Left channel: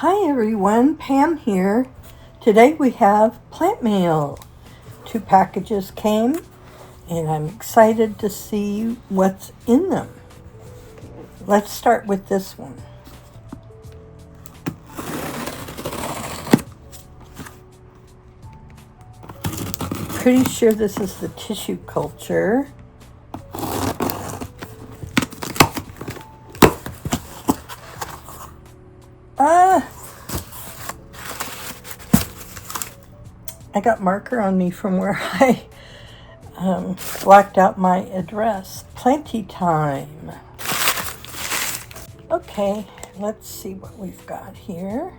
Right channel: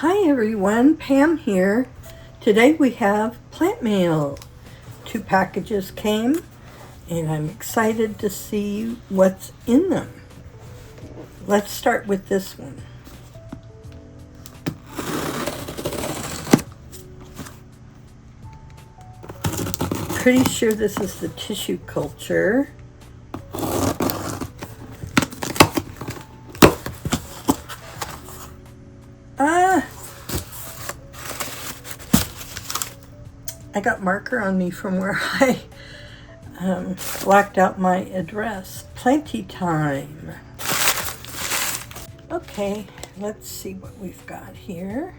Hi everyone, Pam here. Today we have plant mail. 2 packages came and I'm excited to see what's in them. Let's start with this one. Pretty sure this is the tissue culture. I got marker on me from where I blacked out my address. Plenty time. Okay, let's see what we've got here.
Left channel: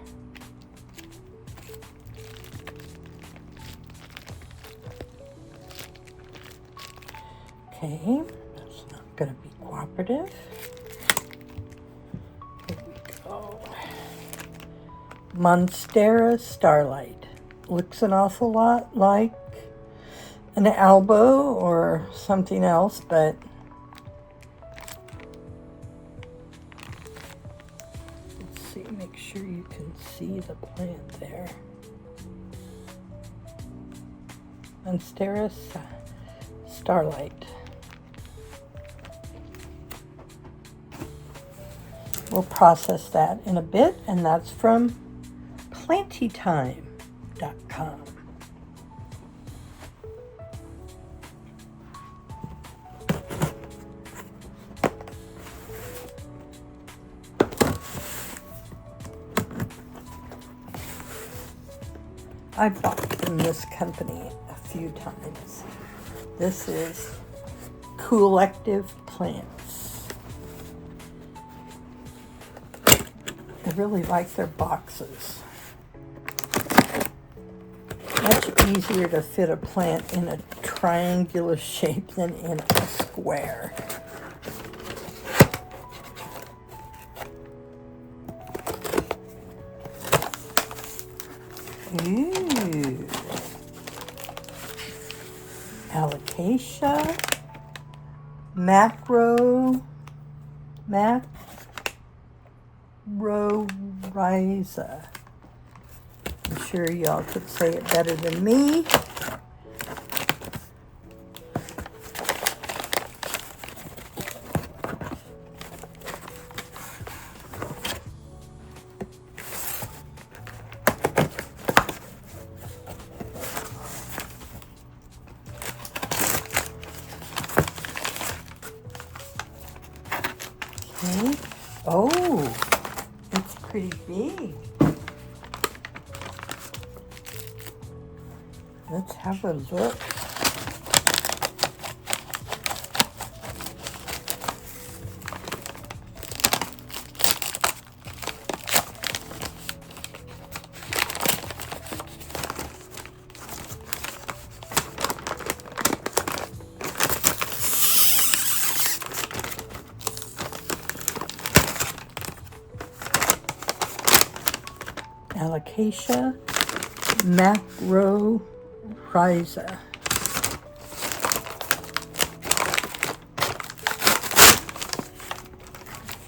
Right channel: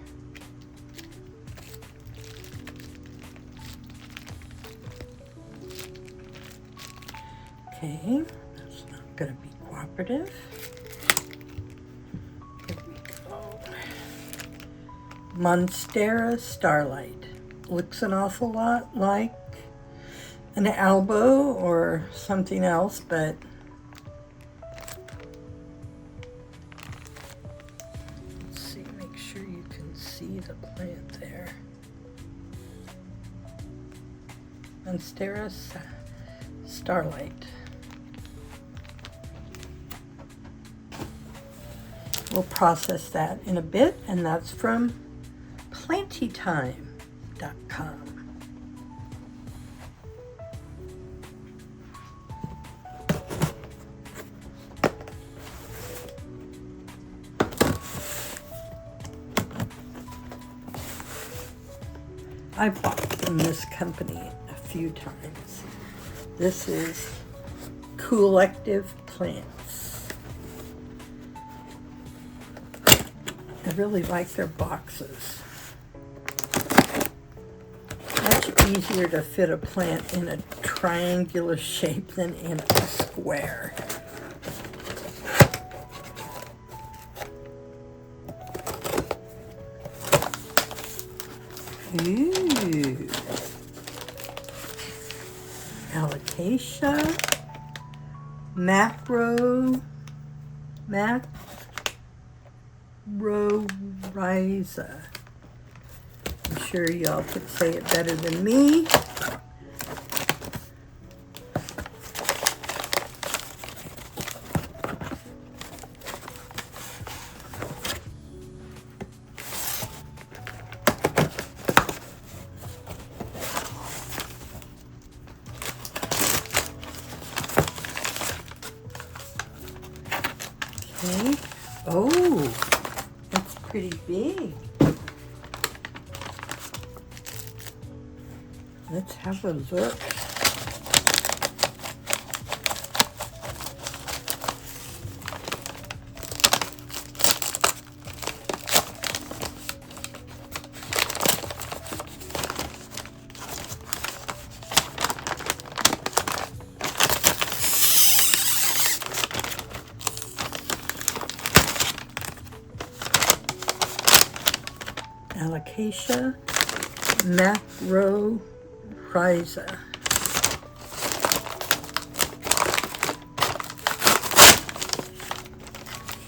Okay, that's not going to be cooperative. Here we go. Monstera Starlight. Looks an awful lot like an elbow or something else, but let's see, make sure you can see the plant there. Monstera Starlight. We'll process that in a bit, and that's from plentytime.com. I've bought from this company a few times. This is Collective Plants. I really like their boxes. Much easier to fit a plant in a triangular shape than in a square. Ooh. Alocasia Macrorrhiza. I'm sure y'all could say it better than me. Okay. Oh, it's pretty big. Let's have a look. Alocasia Macrorrhiza.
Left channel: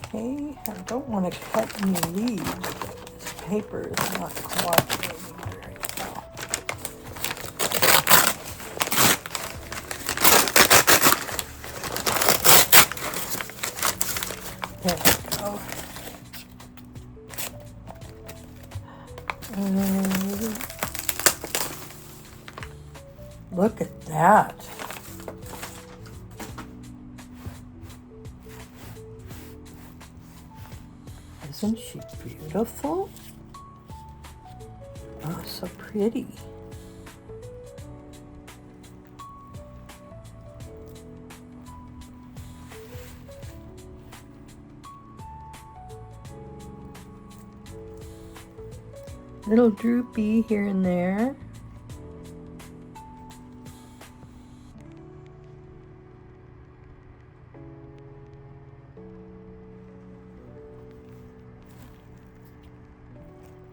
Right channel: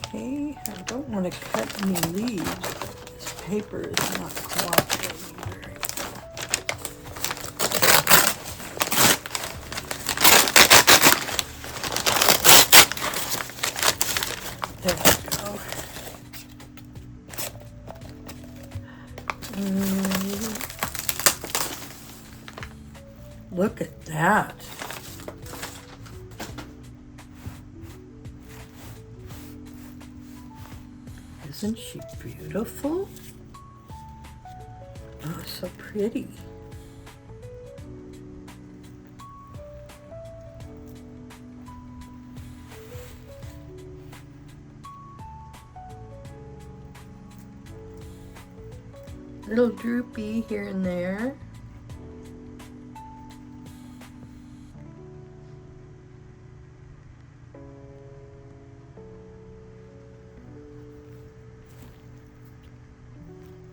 Okay, I don't want to cut any leaves, but this paper is not cooperating very well. There we go. Look at that. Isn't she beautiful? Oh, so pretty. Little droopy here and there.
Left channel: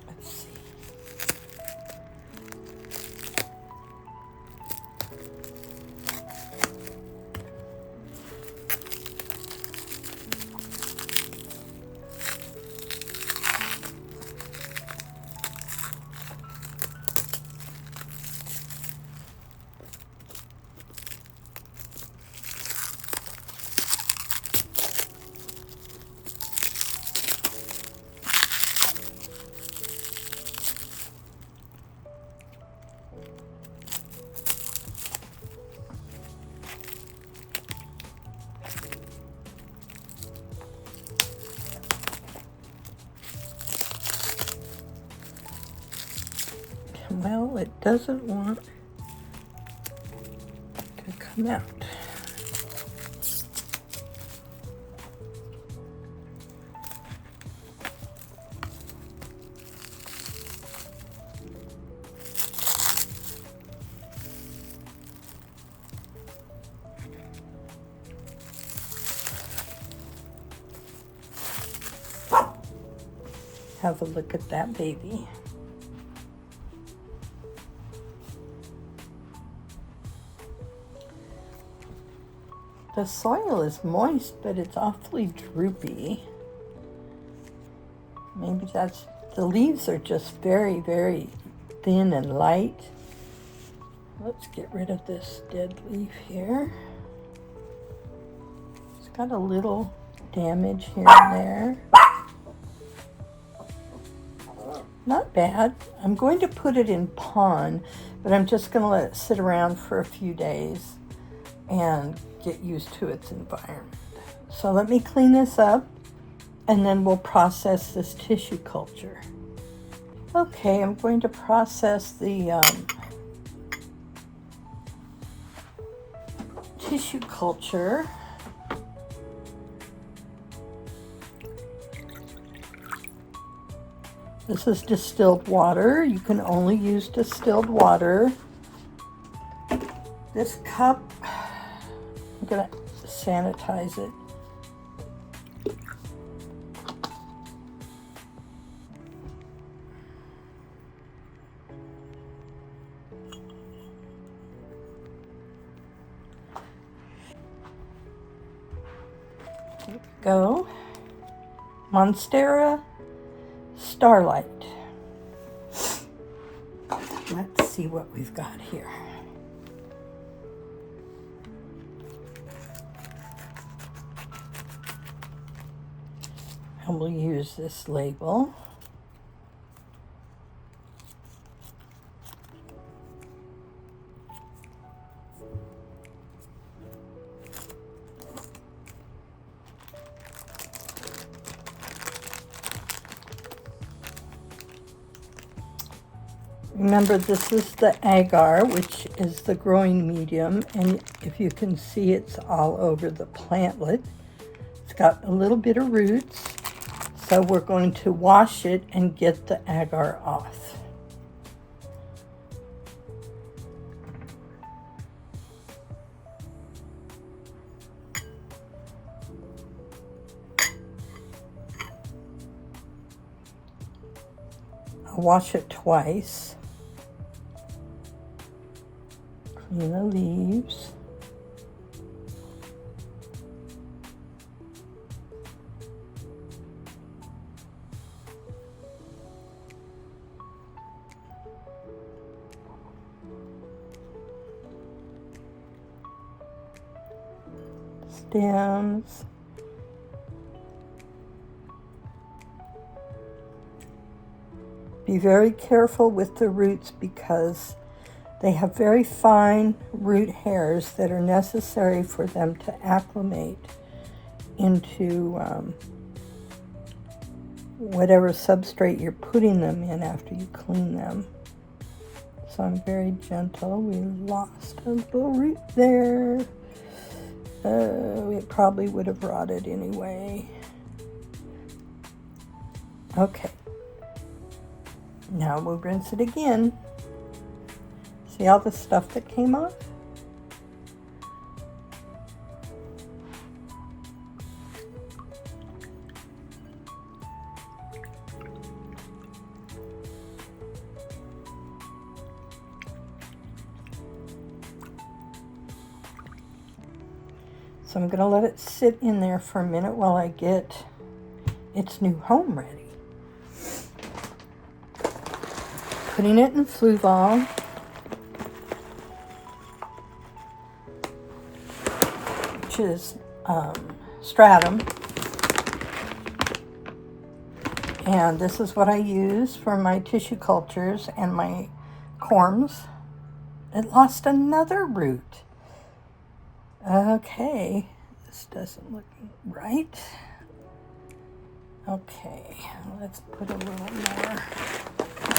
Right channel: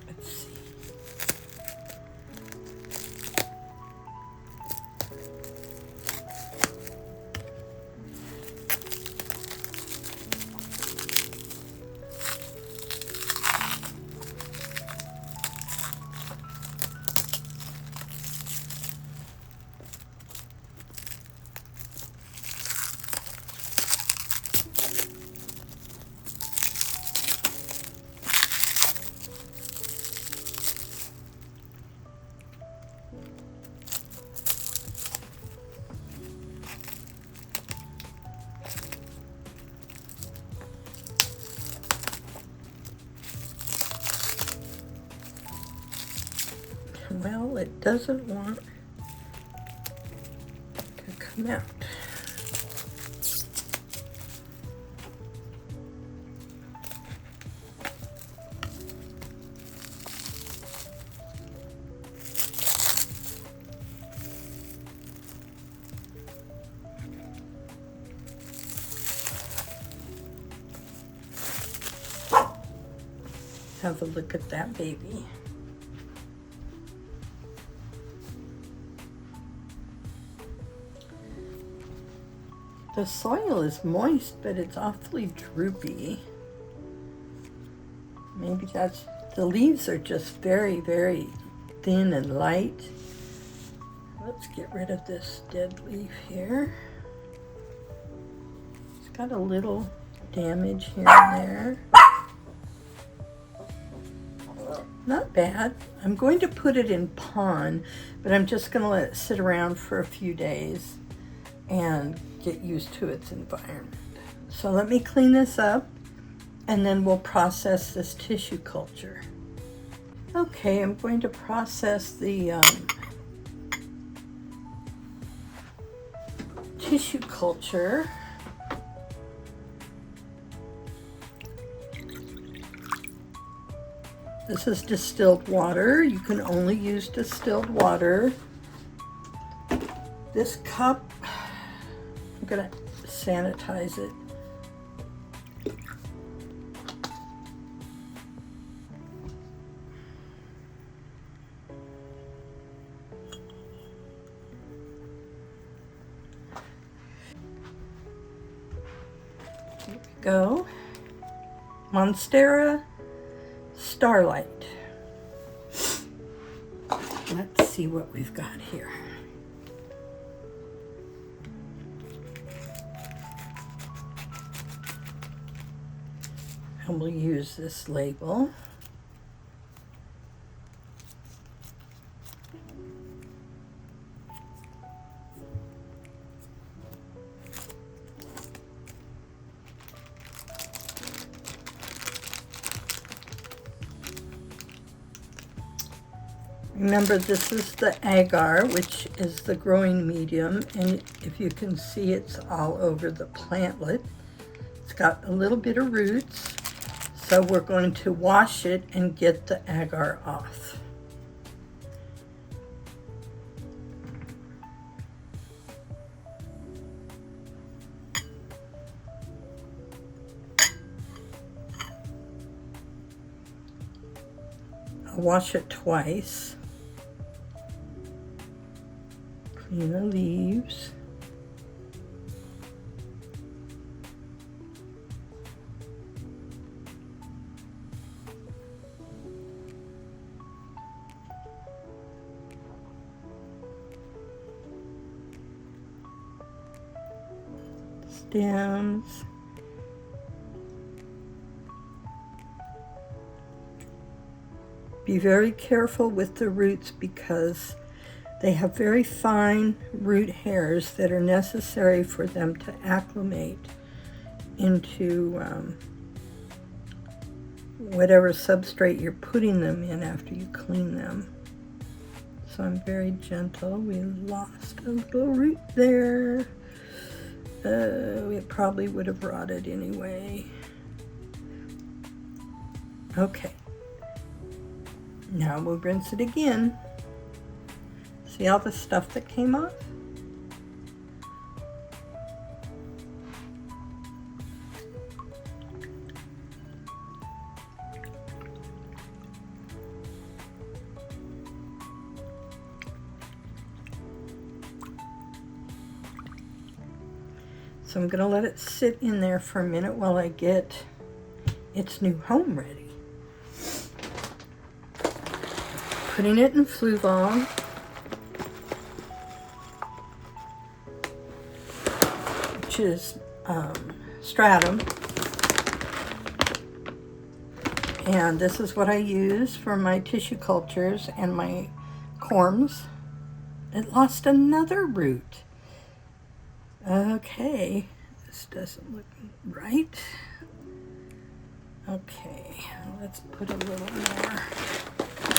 Let's see. doesn't want to come out. Have a look at that baby. The soil is moist, but it's awfully droopy. Maybe that's, the leaves are just very, very thin and light. Let's get rid of this dead leaf here. It's got a little damage here and there. Not bad. I'm going to put it in pond, but I'm just going to let it sit around for a few days and get used to its environment. So let me clean this up and then we'll process this tissue culture. Okay, I'm going to process the tissue culture. This is distilled water. You can only use distilled water. This cup, I'm gonna sanitize it. There we go. Monstera Starlight. Let's see what we've got here. And we'll use this label. Remember, this is the agar, which is the growing medium, and if you can see, it's all over the plantlet. It's got a little bit of roots, so we're going to wash it and get the agar off. I'll wash it twice. Clean the leaves. Stems. Be very careful with the roots because they have very fine root hairs that are necessary for them to acclimate into whatever substrate you're putting them in after you clean them. So I'm very gentle. We lost a little root there. It probably would have rotted anyway. Okay. Now we'll rinse it again. See all the stuff that came off? So I'm going to let it sit in there for a minute while I get its new home ready. Putting it in Fluval. Which is stratum. And this is what I use for my tissue cultures and my corms. It lost another root. Okay, this doesn't look right. Okay, let's put a little more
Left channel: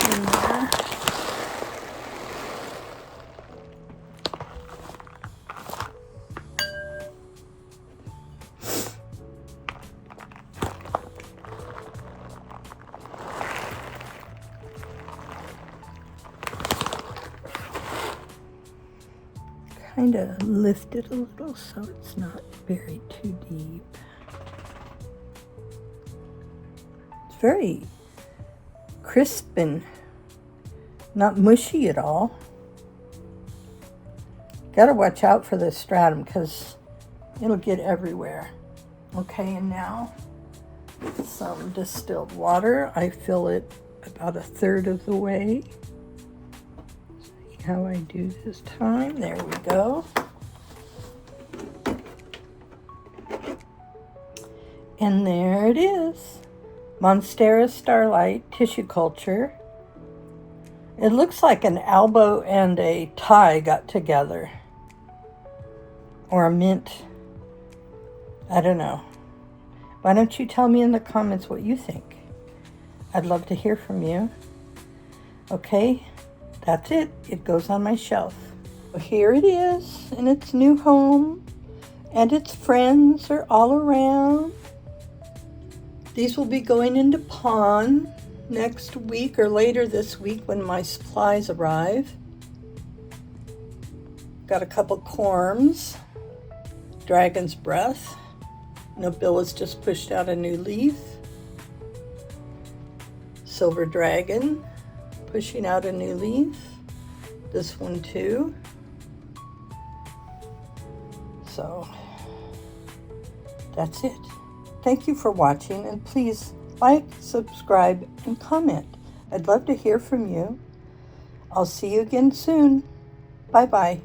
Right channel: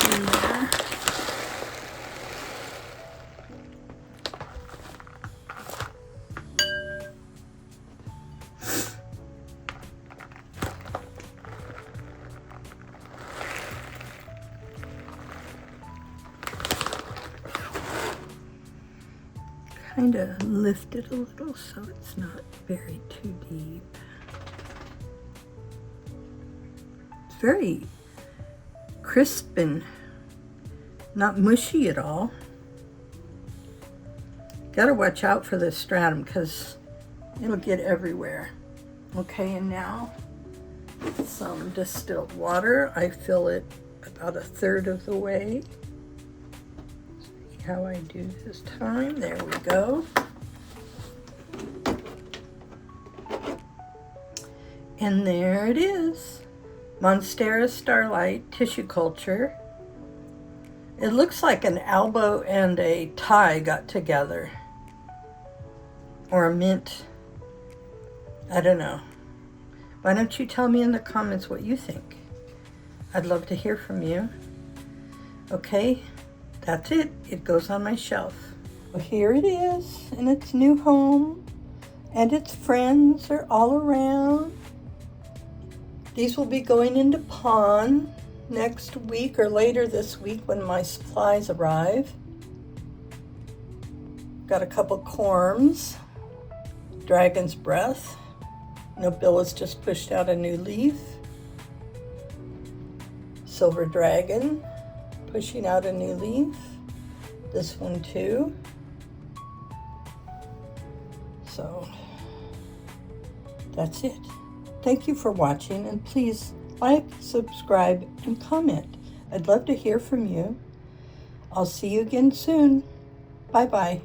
in there. kind of lift it a little so it's not buried too deep. It's very crisp and not mushy at all. Gotta watch out for this stratum because it'll get everywhere. Okay, and now with some distilled water, I fill it about 1/3 of the way. See how I do this time? There we go. And there it is. Monstera Starlight tissue culture. It looks like an elbow and a tie got together. Or a mint. I don't know. Why don't you tell me in the comments what you think? I'd love to hear from you. Okay, that's it. It goes on my shelf. Here it is in its new home, and its friends are all around. These will be going into pawn next week or later this week when my supplies arrive. Got a couple corms, dragon's breath. Nobilis just pushed out a new leaf. Silver dragon pushing out a new leaf. This one too. So that's it. Thank you for watching, and please like, subscribe, and comment. I'd love to hear from you. I'll see you again soon. Bye-bye.